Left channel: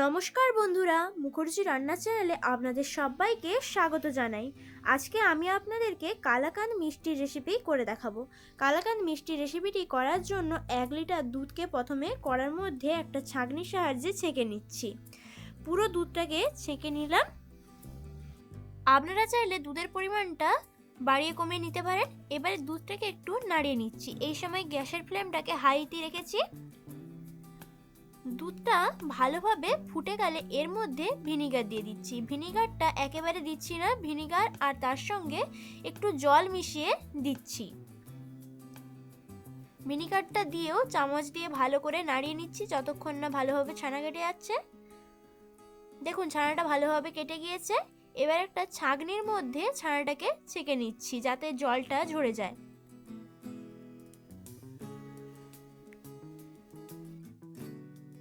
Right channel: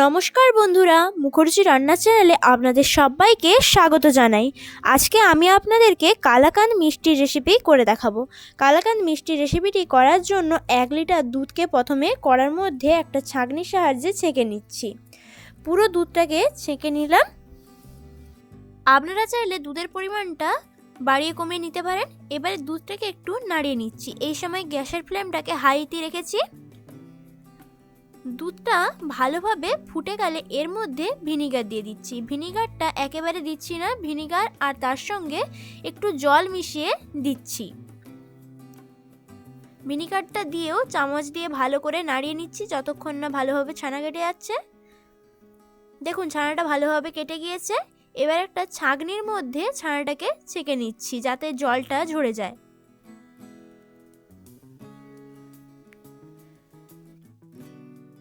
নমস্কার বন্ধুরা, মুখার্জি রান্না চ্যানেলে আপনাদের সবাইকে স্বাগত জানাই। আজকে আমি আপনাদেরকে কালাকাঁদ মিষ্টির রেসিপি করে দেখাবো। কালাকাঁদ মিষ্টির রেসিপিটি করার জন্য 1 লিটার দুধকে প্রথমে কড়ার মধ্যে একটা ছাঁকনির সাহায্যে ছেঁকে নিচ্ছি। পুরো দুধটাকে ছেঁকে নিলাম। আপনারা চাইলে দুধের পরিমাণটা বাড়িয়ে কমিয়ে নিতে পারেন। এবারে দুধটাকে একটু নাড়িয়ে নিচ্ছি। এই সময় গ্যাসের ফ্লেমটাকে হাইতে রেখেছি। দুধটা ভালোভাবে ফুটে গেলে এর মধ্যে ভিনিগার দিয়ে দিচ্ছি। ভিনিগারটা একেবারে দিচ্ছি না, ভিনিগার আর তার সঙ্গে একটু জল মিশিয়ে দিচ্ছি। ভিনিগারটা দিয়েও চামচ দিয়ে ভালো করে নাড়িয়ে নিচ্ছি যতক্ষণ না ভালোভাবে ছানা কেটে যাচ্ছে। দেখুন ছানাটা ভালোভাবে কেটে গিয়েছে। এবার একটা ছাঁকনির মধ্যে ছানাটাকে ছেঁকে নিচ্ছি যাতে জলটা ঝরে যায়।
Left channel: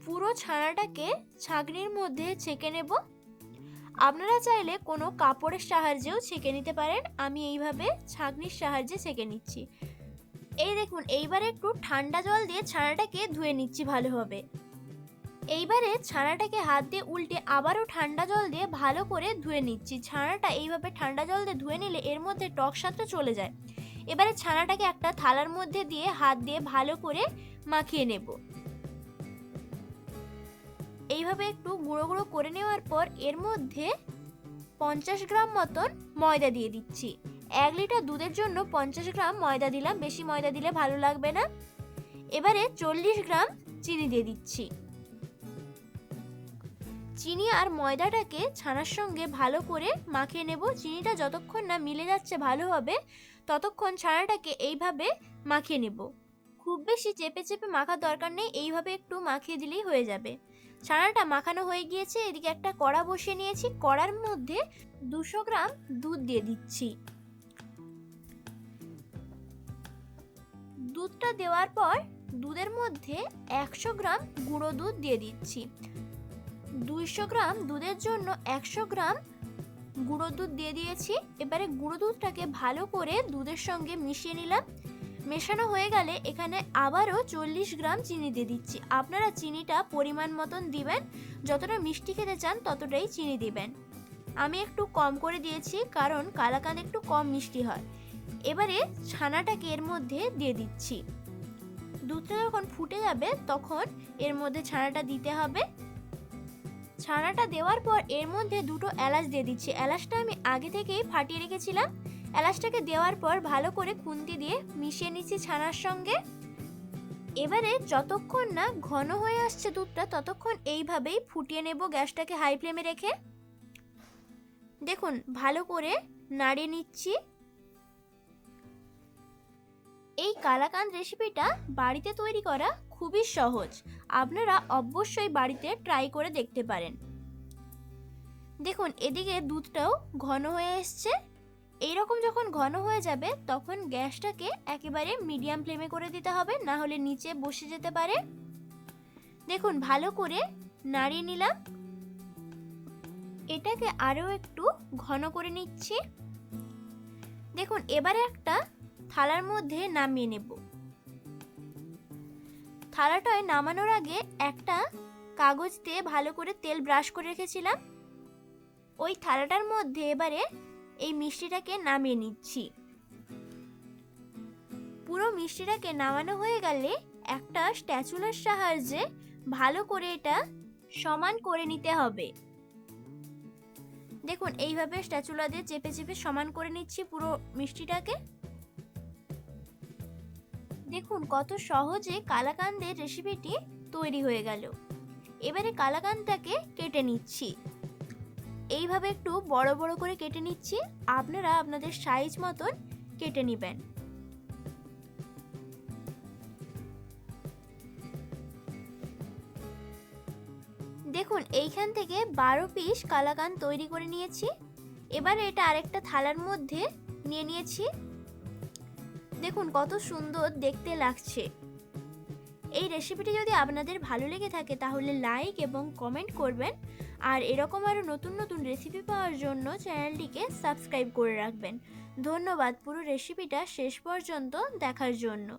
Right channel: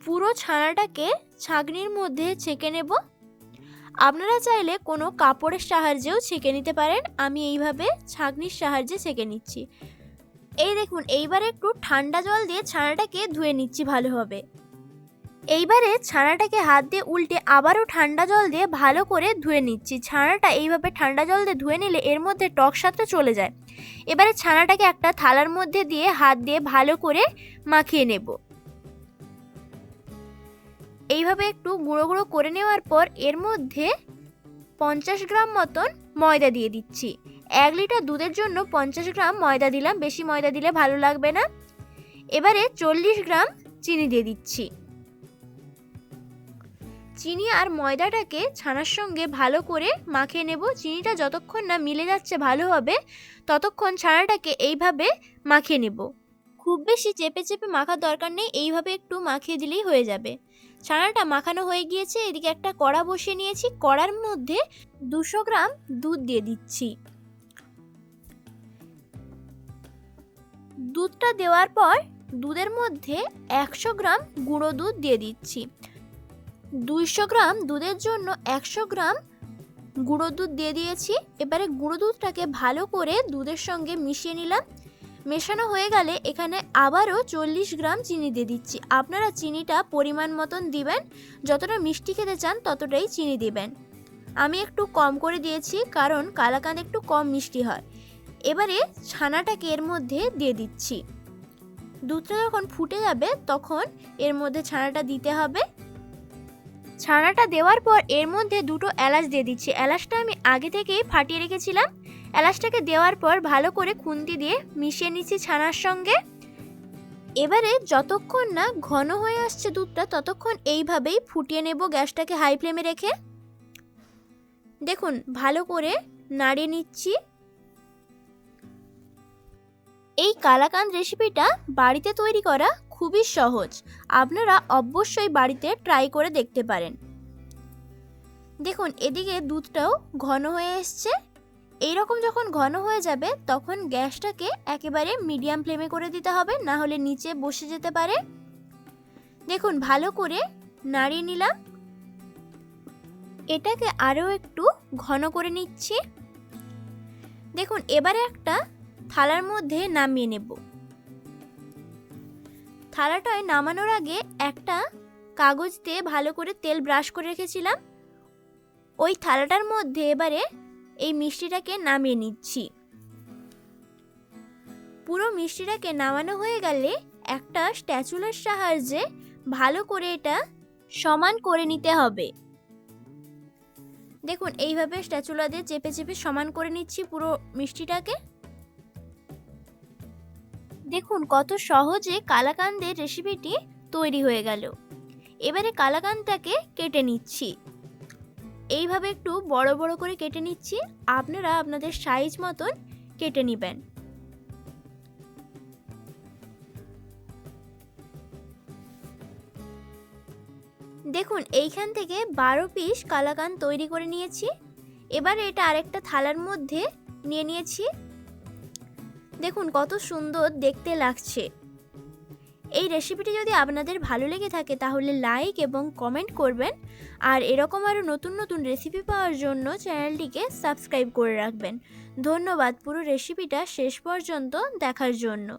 পুরো ছানাটাকে ছাঁকনির মধ্যে ছেঁকে নেব। আপনারা চাইলে কোনো কাপড়ের সাহায্যেও ছেঁকে নিতে পারেন। আমি এইভাবে ছাঁকনির সাহায্যে ছেঁকে নিচ্ছি। এই দেখুন, এইবারে একটু ঠান্ডা জল দিয়ে ছানাটাকে ধুয়ে নিচ্ছি ভালোভাবে। এইবারে ছানাটাকে হাত দিয়ে উল্টে আবারও ঠান্ডা জল দিয়ে ভালো করে ধুয়ে নিচ্ছি। ছানাটা এইভাবে ঠান্ডা জল দিয়ে ধুয়ে নিলে এর মধ্যে টক স্বাদটা চলে যায়। এবারে ছানাটাকে একটা থালার মধ্যে দিয়ে হাত দিয়ে ভালো করে মাখিয়ে নেব। এইভাবে একটু গুঁড়ো গুঁড়ো করে নেওয়ার পর এর মধ্যে 50 গ্রাম মতন ময়দা দিয়ে দিচ্ছি। 1 লিটার দুধের জন্য 50 গ্রাম ময়দা দিলাম, বেশি ময়দা দিলে ভালো লাগবে না। এবারে 40 গ্রাম চিনি দিয়ে দিচ্ছি। চিনি আর ময়দাটাকে ছানার সঙ্গে ভালো করে মাখিয়ে নেব। চিনিটা যতক্ষণ না মিলে যাচ্ছে ভালোভাবে ততক্ষণ ছানাটাকে এইভাবে মাখিয়ে নেব। খুব বেশি চেপে চেপে মাখার দরকার নেই, এইভাবে একটু মাখিয়ে দিলেই হয়ে যাবে। ছানাটা মাখানো হয়ে গিয়েছে। এদিকে একটা কড়া বসিয়ে নিয়েছি। কড়ার মধ্যে 200 গ্রাম দুধ দিয়ে দিচ্ছি। দুধটা দেওয়ার পর দুধের মধ্যে 100 গ্রাম গুঁড়ো দুধ দিয়ে দিচ্ছি। 200 গ্রাম দুধের জন্য 100 গ্রাম গুঁড়ো দুধ দিয়ে দিয়েছি। এবারে গুঁড়ো দুধটাকে ভালো করে দুধের সঙ্গে মিশিয়ে নিলাম। মেশানো হয়ে গেলে এখানে আবারও 40 গ্রাম চিনি দিয়ে দিচ্ছি। আপনারা চিনিটা পরিমাণ মতন দিবেন, যতটা মিষ্টি খেতে চান ততটাই চিনি দিবেন। আমি একটু কম করে দিয়েছি কারণ কালাকাঁদ একটু কম মিষ্টি হয়। এবারে ছানাটাকে এর মধ্যে দিয়ে দিচ্ছি। দুধটা যখন ফুটে যাবে তখন এর মধ্যে ছানাটা দিতে হবে। ছানাটা দেওয়ার পর এর মধ্যে 2টো এলাচ দিয়ে দিচ্ছি। এলাচটা আমি আগে থেকেই ফাটিয়ে রেখেছিলাম। এলাচটাকে দেওয়ার পর ভালো করে খুন্তি দিয়ে মিশিয়ে নিচ্ছি ছানার সঙ্গে। এবারে যতক্ষণ না ঘন হয়ে আসছে দুধটা ততক্ষণ এইভাবেই ফুটিয়ে নেব গ্যাসটাকে হাই ফ্লেমে রেখে। দেখুন ভালো করে নাড়িয়ে নিচ্ছি। এই কালাকাঁদ রেসিপিটা বাড়িতে তৈরি করা খুবই সহজ। আপনারা অবশ্যই বাড়িতে ট্রাই করে দেখতে পারেন। দেখুন এদিকে দুধটাও ঘন হয়ে এসছে। এইরকম যখন ঘন হয়ে যাবে তখন গ্যাসটাকে একেবারে মিডিয়াম ফ্লেমে করে দিতে হবে, না হলে নিচে বসে যেতে পারে। দেখুন ভালো করে নাড়িয়ে নিলাম। এটাকে আরও একটু ঘন করে নিচ্ছি। দেখুন এবারে একটা থালার মধ্যে নামিয়ে নেব। থালাটায় নামানোর আগে একটা কাগজ দিয়ে ভালো করে তেল ব্রাশ করে রেখেছিলাম। ওই থালাটার মধ্যে এবারে এই মিষ্টিটাকে নামিয়ে নিচ্ছি। পুরো মিষ্টিটাকে নামানো হয়ে গেলে একটা স্প্যাচুলার সাহায্যে ভালো করে এটা সমান করে নিতে হবে। দেখুন এইভাবে স্প্যাচুলা দিয়ে চেপে চেপে সমান করে নিচ্ছি পুরো মিষ্টিটাকে। দেখুন কত সহজে কালাকাঁদের রেসিপিটি তৈরি হয়ে গেল। এবারে কালাকাঁদটাকে কেটে নিচ্ছি। এইভাবে একটু বড় বড় করে কেটে নিচ্ছি। আপনারা আপনাদের সাইজ মতন কেটে নেবেন। দেখুন এইখান থেকে 12 পিস কালাকাঁদ তৈরি করে নিয়েছি। এবারে এটা আরেকটা থালার মধ্যে নিয়ে নিয়েছি। দেখুন কত সুন্দর দেখতে লাগছে। এই রেসিপিটি যদি আপনাদের ভালো লেগে থাকে তাহলে লাইক এবং কমেন্ট করবেন। আর এরকম আরও নতুন নতুন রেসিপি পাওয়ার জন্য চ্যানেলটিকে সাবস্ক্রাইব করে রাখবেন। ধন্যবাদ পুরো রেসিপিটা শেষ পর্যন্ত দেখার জন্য।